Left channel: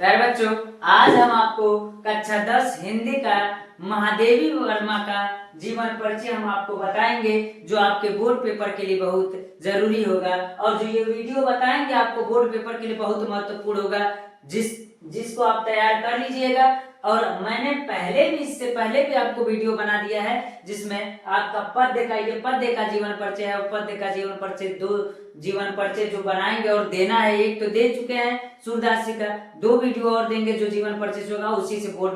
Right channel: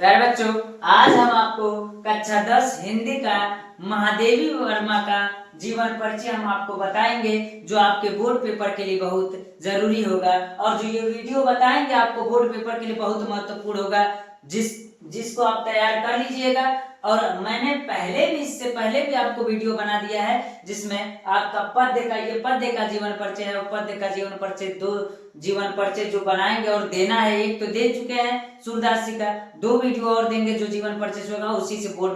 प्यारे बच्चों, आज हम आपको कक्षा 10 हिंदी का महादेवी वर्मा का जीवन परिचय हम आपको बताएंगे, जो आपके बोर्ड पेपर के लिए बहुत जरूरी होगा। और जो ये वीडियो बताएंगे आपको बोर्ड पेपर के लिए बहुत महत्वपूर्ण होगा, जिसको आप तैयार कर लीजिएगा। और मैंने इससे पहले भी आपको वीडियो बना दिया है, जिसमें आपका ये पद्य का जीवन परिचय है। पद्य का जीवन परिचय, 2 जीवन परिचय जो बनाएंगे और देना है, एक तो दे चुके हैं सूरदास जी का, 2 वीडियो और देंगे जो जीवन परिचय होगा, उसी से बोर्ड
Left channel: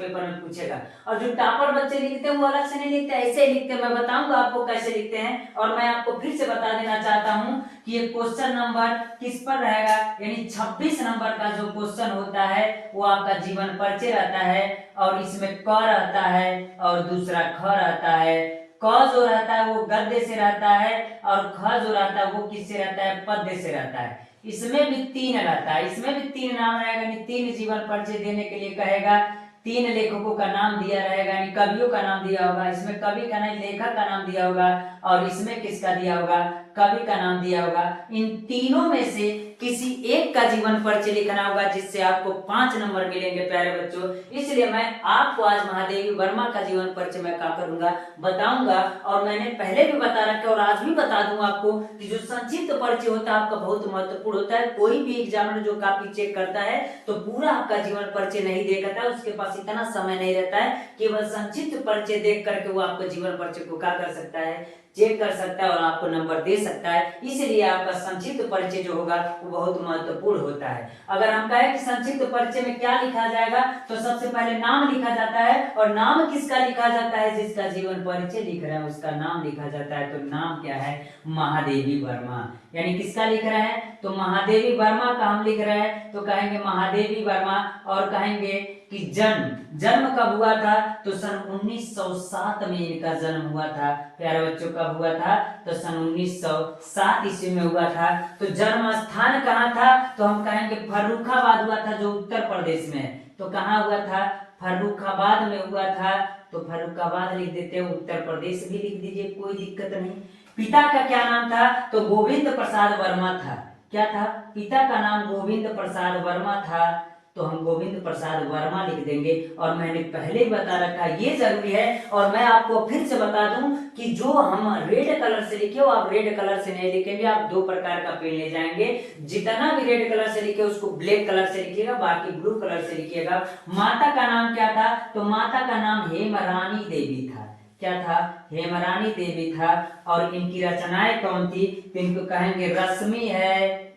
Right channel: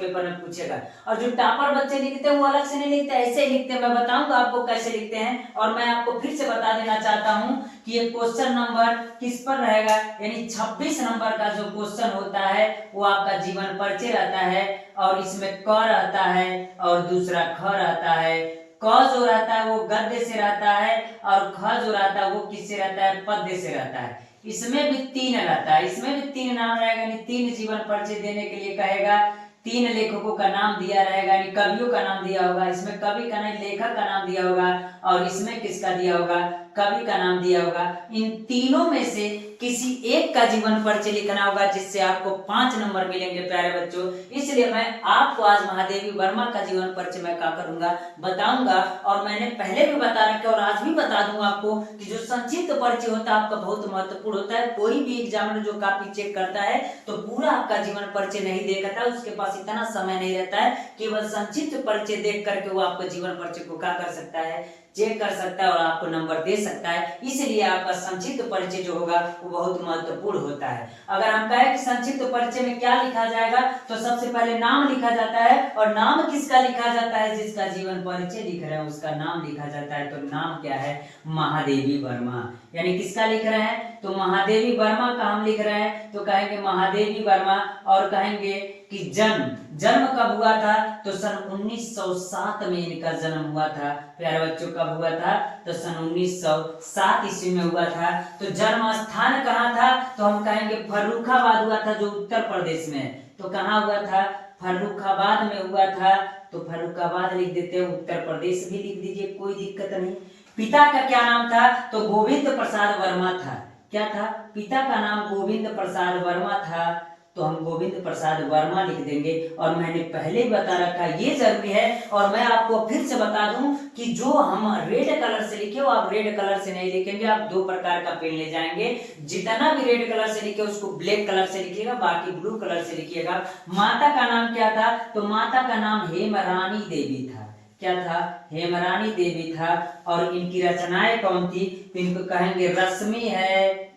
पेपर में पूछेगा। और जो टॉपर बच्चे लिखते हैं वो अलग से नहीं लिखते, ऐसे ही लिखते हैं। मैं बताऊंगा आपको कैसे लिखते हैं। और मैं आपको फिर से बता देना चाहता हूं कि ये क्वेश्चन नंबर किस पर रहेगा, यानी 26 नंबर का जो क्वेश्चन होता है वो आपका जीवन परिचय रहता है। और इसमें क रहता है और दूसरा ख रहता है। क जो रहता है वो गद्य से रहता है, और ख जो रहता है वो किससे रहता है, पद्य से रहता है। इसमें भी 3 रहता है, इसमें भी 3 नाम रहेगा, यानी 3 जीवन परिचय देने के लिए कहेगा। 3 लेखकों का नाम दिया रहेगा, यानी कवियों का नाम दिया होगा। इसमें कवि का नहीं, लेखक का नाम दिया होगा। और इसमें किसका दिया होगा, कवि का नाम दिया होगा। इन तीनों में से किसी एक का जीवन परिचय लिखना होगा, जिससे आपको 5 नंबर मिलेंगे प्यारे बच्चों। इसलिए मैं आपको आज महादेवी वर्मा का जीवन परिचय मैं क्या करूंगा, बताऊंगा। और मैंने पहले भी बता रखा और आज भी बता दूंगा आपको कि जो संक्षिप्त परिचय होता है आपका बहुत महत्वपूर्ण होता है। कोई भी एग्जामिनर जो कॉपी चेक करता है तो पूरा आपका जीवन परिचय नहीं देखता है, उसके पास इतना समय नहीं रहता है। केवल संक्षिप्त परिचय देख करके वो आपको जीवन परिचय को क्या कर सकता है, चेक कर सकता है और आपको नंबर दे सकता है। इसलिए आपका संक्षिप्त परिचय जो होगा वो बहुत महत्वपूर्ण होता है। अगर हम कहें कि संक्षिप्त परिचय में क्या लिखा जाएगा, तो सबसे पहले नाम लिखा जाता है। और नाम किसका लिखा जाता है, जिसका जीवन परिचय लिख रहे हैं उसका नाम लिखा जाता है। तो नाम क्या है, महादेवी वर्मा। यानी किसका लिख रहे हैं, तो महादेवी वर्मा का हम लिख रहे हैं, तो कहेंगे महादेवी वर्मा। और कहेंगे कि जन्म कब हुआ था, तो सन 1907 में इनका जन्म हुआ था। प्यारे बच्चों, कब हुआ था, तो सन 1907 ईस्वी में हुआ था। तो जन्म स्थान कहाँ था, तो हम कहेंगे फर्रुखाबाद हुआ था, जो उत्तर प्रदेश में। तो कहाँ हुआ था, फर्रुखाबाद में हुआ था। तो फर्रुखाबाद लिख देते हैं, उत्तर प्रदेश भी लिख दीजिए, कोई दिक्कत नहीं। पिता का क्या नाम था, तो गोविंद प्रसाद वर्मा था। क्या था, पिता का नाम गोविंद प्रसाद वर्मा था। तो हम गोविंद प्रसाद वर्मा लिख देंगे। और मैंने पहले ही बता रखा, ये जरूरी है। और मैं आपको फिर से बता दूं कि जो हम रेड कलर से लिखे हो, आप रेड कलर से नहीं लिखेंगे, आप 2 प्रकार का पेन ले जाएंगे। जितना भी रेड कलर से लिखे उसको ब्लैक कलर से लिखिएगा, बाकी ब्लू कलर से लिखिएगा। माता का नाम क्या था, तो माता का नाम हेमरानी देवी था। क्या था, हेमरानी देवी था। और इनकी रचनाएं कौन थी, तो इनको कहेंगे रश्मि है,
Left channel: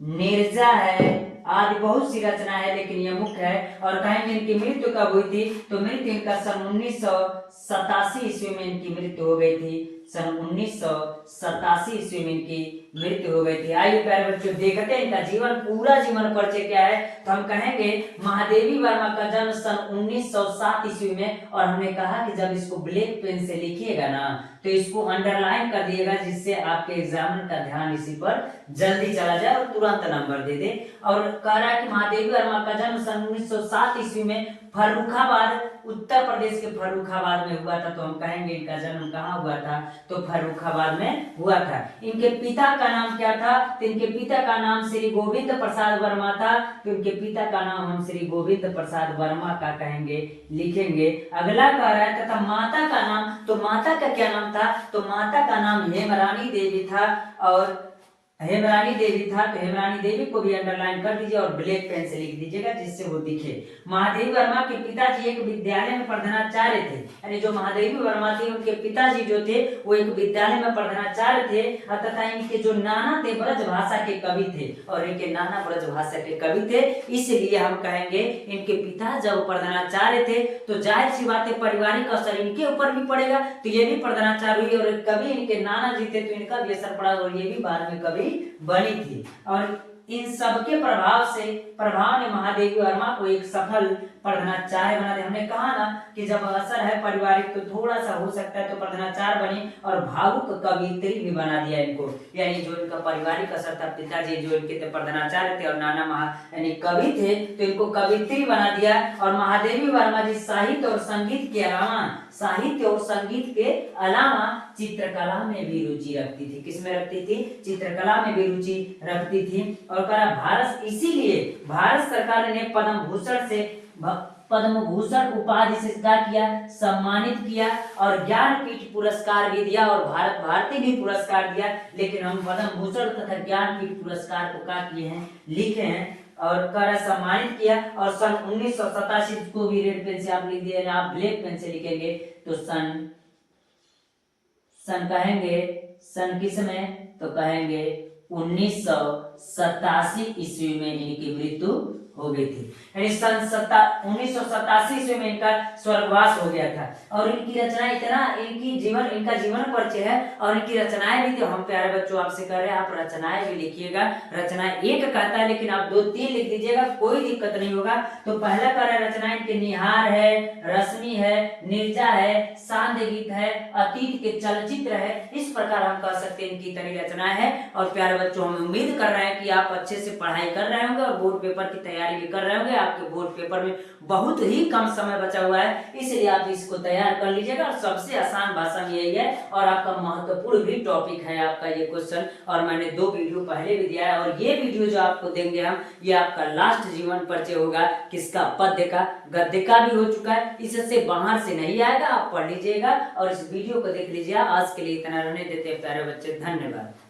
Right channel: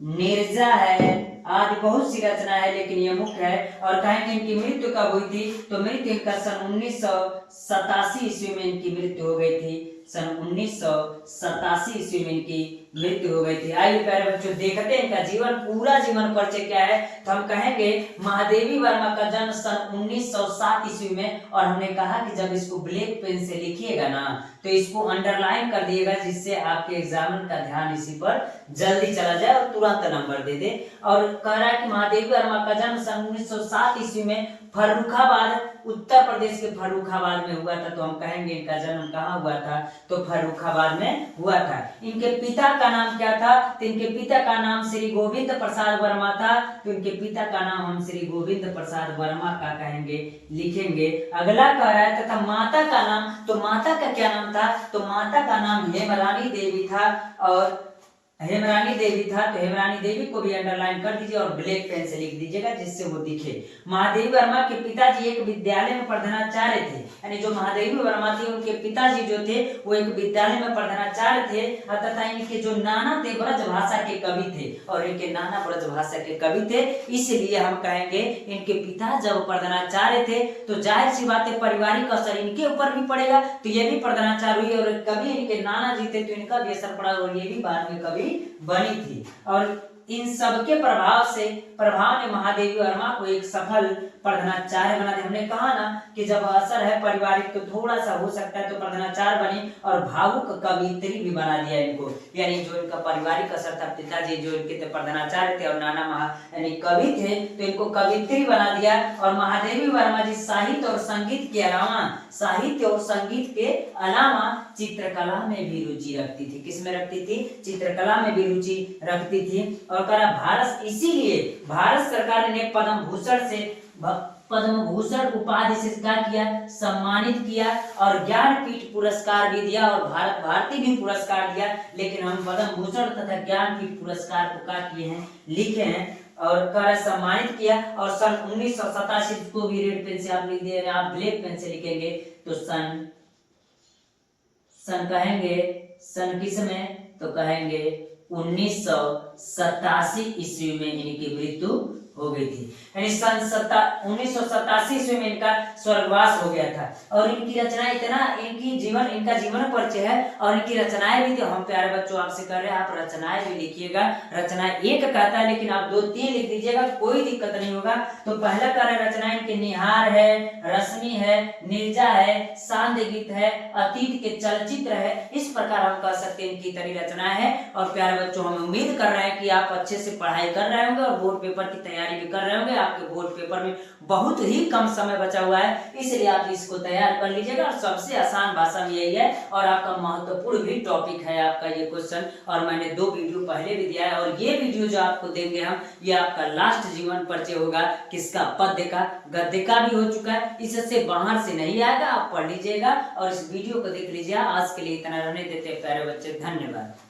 नीरजा है, आदि बहुत सी रचना है, लेकिन ये मुख्य है। और कहेंगे इनकी मृत्यु कब हुई थी, तो मृत्यु इनका सन 1987 ईस्वी में इनकी मृत्यु हो गई थी। सन 1987 ईस्वी में इनकी मृत्यु हो गई थी। आइए प्यारे बच्चों, देखते हैं इनका पूरा जीवन परिचय क्या है। तो हम कहेंगे महादेवी वर्मा का जन्म सन 1907 ईस्वी में। और हमने कहा कि जब इसको ब्लैक पेन से लिखिएगा ना, तो इसको अंडरलाइन कर दिएगा, जिससे आपके एग्जामिनर का ध्यान इसी पर जल्दी चला जाए और तुरंत नंबर दे दे। और कह रहा है कि महादेवी वर्मा का जन्म सन 1907 ईस्वी में फर्रुखाबाद, उत्तर प्रदेश के फर्रुखाबाद में हुआ था। तो हम कहेंगे इनका जन्म कहाँ हुआ था, तो फर्रुखाबाद में हुआ था। इनके पिता का नाम क्या था, तो इनके पिता का नाम श्री गोविंद प्रसाद वर्मा था। तो इनके पिता का नाम हम श्री गोविंद प्रसाद वर्मा का कहेंगे, लिखेंगे। अगला कह रहा है तथा माता का नाम, तो माता का क्या नाम था, तो माता का नाम हेमरानी देवी था। और हेमरानी देवी था, तो हेमरानी देवी को भी अंडरलाइन कर दीजिए और ब्लैक पेन से लिख दीजिएगा, जिससे वो दिखे। महादेवी वर्मा के पिताजी एक विद्यालय में प्रधानाचार्य थे। यानी जो महादेवी वर्मा थे उनके पिताजी जो थे वो एक विद्यालय में प्रधानाचार्य थे। तथा इनके जो नाना थे ब्रज भाषा के कवि थे, और इनके नाना ब्रज भाषा के कवि थे। इसलिए हम कहेंगे इनके पिता जब प्रधानाचार्य थे, तो जाहिर सी बात है पारिवारिक असर इनके ऊपर भी पड़ेगा। तो ये भी प्रधानाचार्य हुई, और कवि इनके नाना जी थे, तो इनका भी असर पड़ा, और ये भी बाद में कवि बनी थी। और इन सबके प्रभाव ने महादेवी वर्मा को एक सफल प्रधानाचार्य बना दिया। हमने कहा ना कि जब असर है पारिवारिक तो थोड़ा सा हो सकता है, तो प्रधानाचार्य बनी और भावुक कवियत्री भी बना दिया इनको। यानी जो इनका पारिवारिक असर था, पिताजी जो इनके प्रधानाचार्य थे और नाना यानी कवि थे, तो इनको कवियत्री बना दिया। और महादेवी वर्मा जी साहित्य और संगीत के अलावा चित्रकला में भी रुचि रखती थी। किसमें रखती थी, चित्रकला में भी रुचि रखती थी। और भारत सरकार ने पद्म भूषण उपाधि से क्या किया, सम्मानित किया और ज्ञानपीठ पुरस्कार भी दिया और भारत भारती भी पुरस्कार दिया। लेकिन हम पद्म भूषण तथा ज्ञानपीठ पुरस्कार को क्या किए हैं, लिखे हैं और कर सम्मानित किया। और सन 1987 को भी रेड पेन से आप लिख दिए, आप ब्लैक पेन से लिखेंगे तो सन कहेंगे, सन किस में, तो कहेंगे 1987 ईस्वी में इनकी मृत्यु हो गई थी। यानी सन 1987 ईस्वी में इनका स्वर्गवास हो गया था। और इनकी रचना इनका जीवन परिचय है और इनकी रचनाएं भी, तो हम प्यारे बच्चों आपसे कर रहे हैं, आप रचनाएं भी लिखिएगा। रचनाएं एक कहता है लेकिन आप 2-3 लिख दीजिएगा, कोई दिक्कत नहीं होगा। तो पहला कह रहा है रचना इनके निहार है, रश्मि है, निर्जा है, सांध्य गीत है, अतीत के चलचित्र है। इस प्रकार हम कह सकते हैं इनकी तरह रचनाएं है। और प्यारे बच्चों हम उम्मीद कर रहे हैं कि आप अच्छे से पढ़ाई कर रहे होंगे और बोर्ड पेपर की तैयारी भी कर रहे होंगे। आपके बोर्ड पेपर में बहुत ही कम समय बचा हुआ है, इसलिए आप इसको तैयार कर लीजिएगा। और सबसे आसान भाषा में यही है और आपका महत्वपूर्ण भी टॉपिक है आपका ये क्वेश्चन। और मैंने 2 वीडियो पहले भी दिया है और ये वीडियो जो आपको देंगे हम, ये आपका लास्ट जीवन परिचय होगा। किसका, पद्य का, गद्य का भी हो चुका है, इससे बाहर से नहीं आएगा, आप पढ़ लीजिएगा और इस वीडियो को देख लीजिए। आज के लिए इतना रहने देते हैं प्यारे बच्चे, धन्यवाद।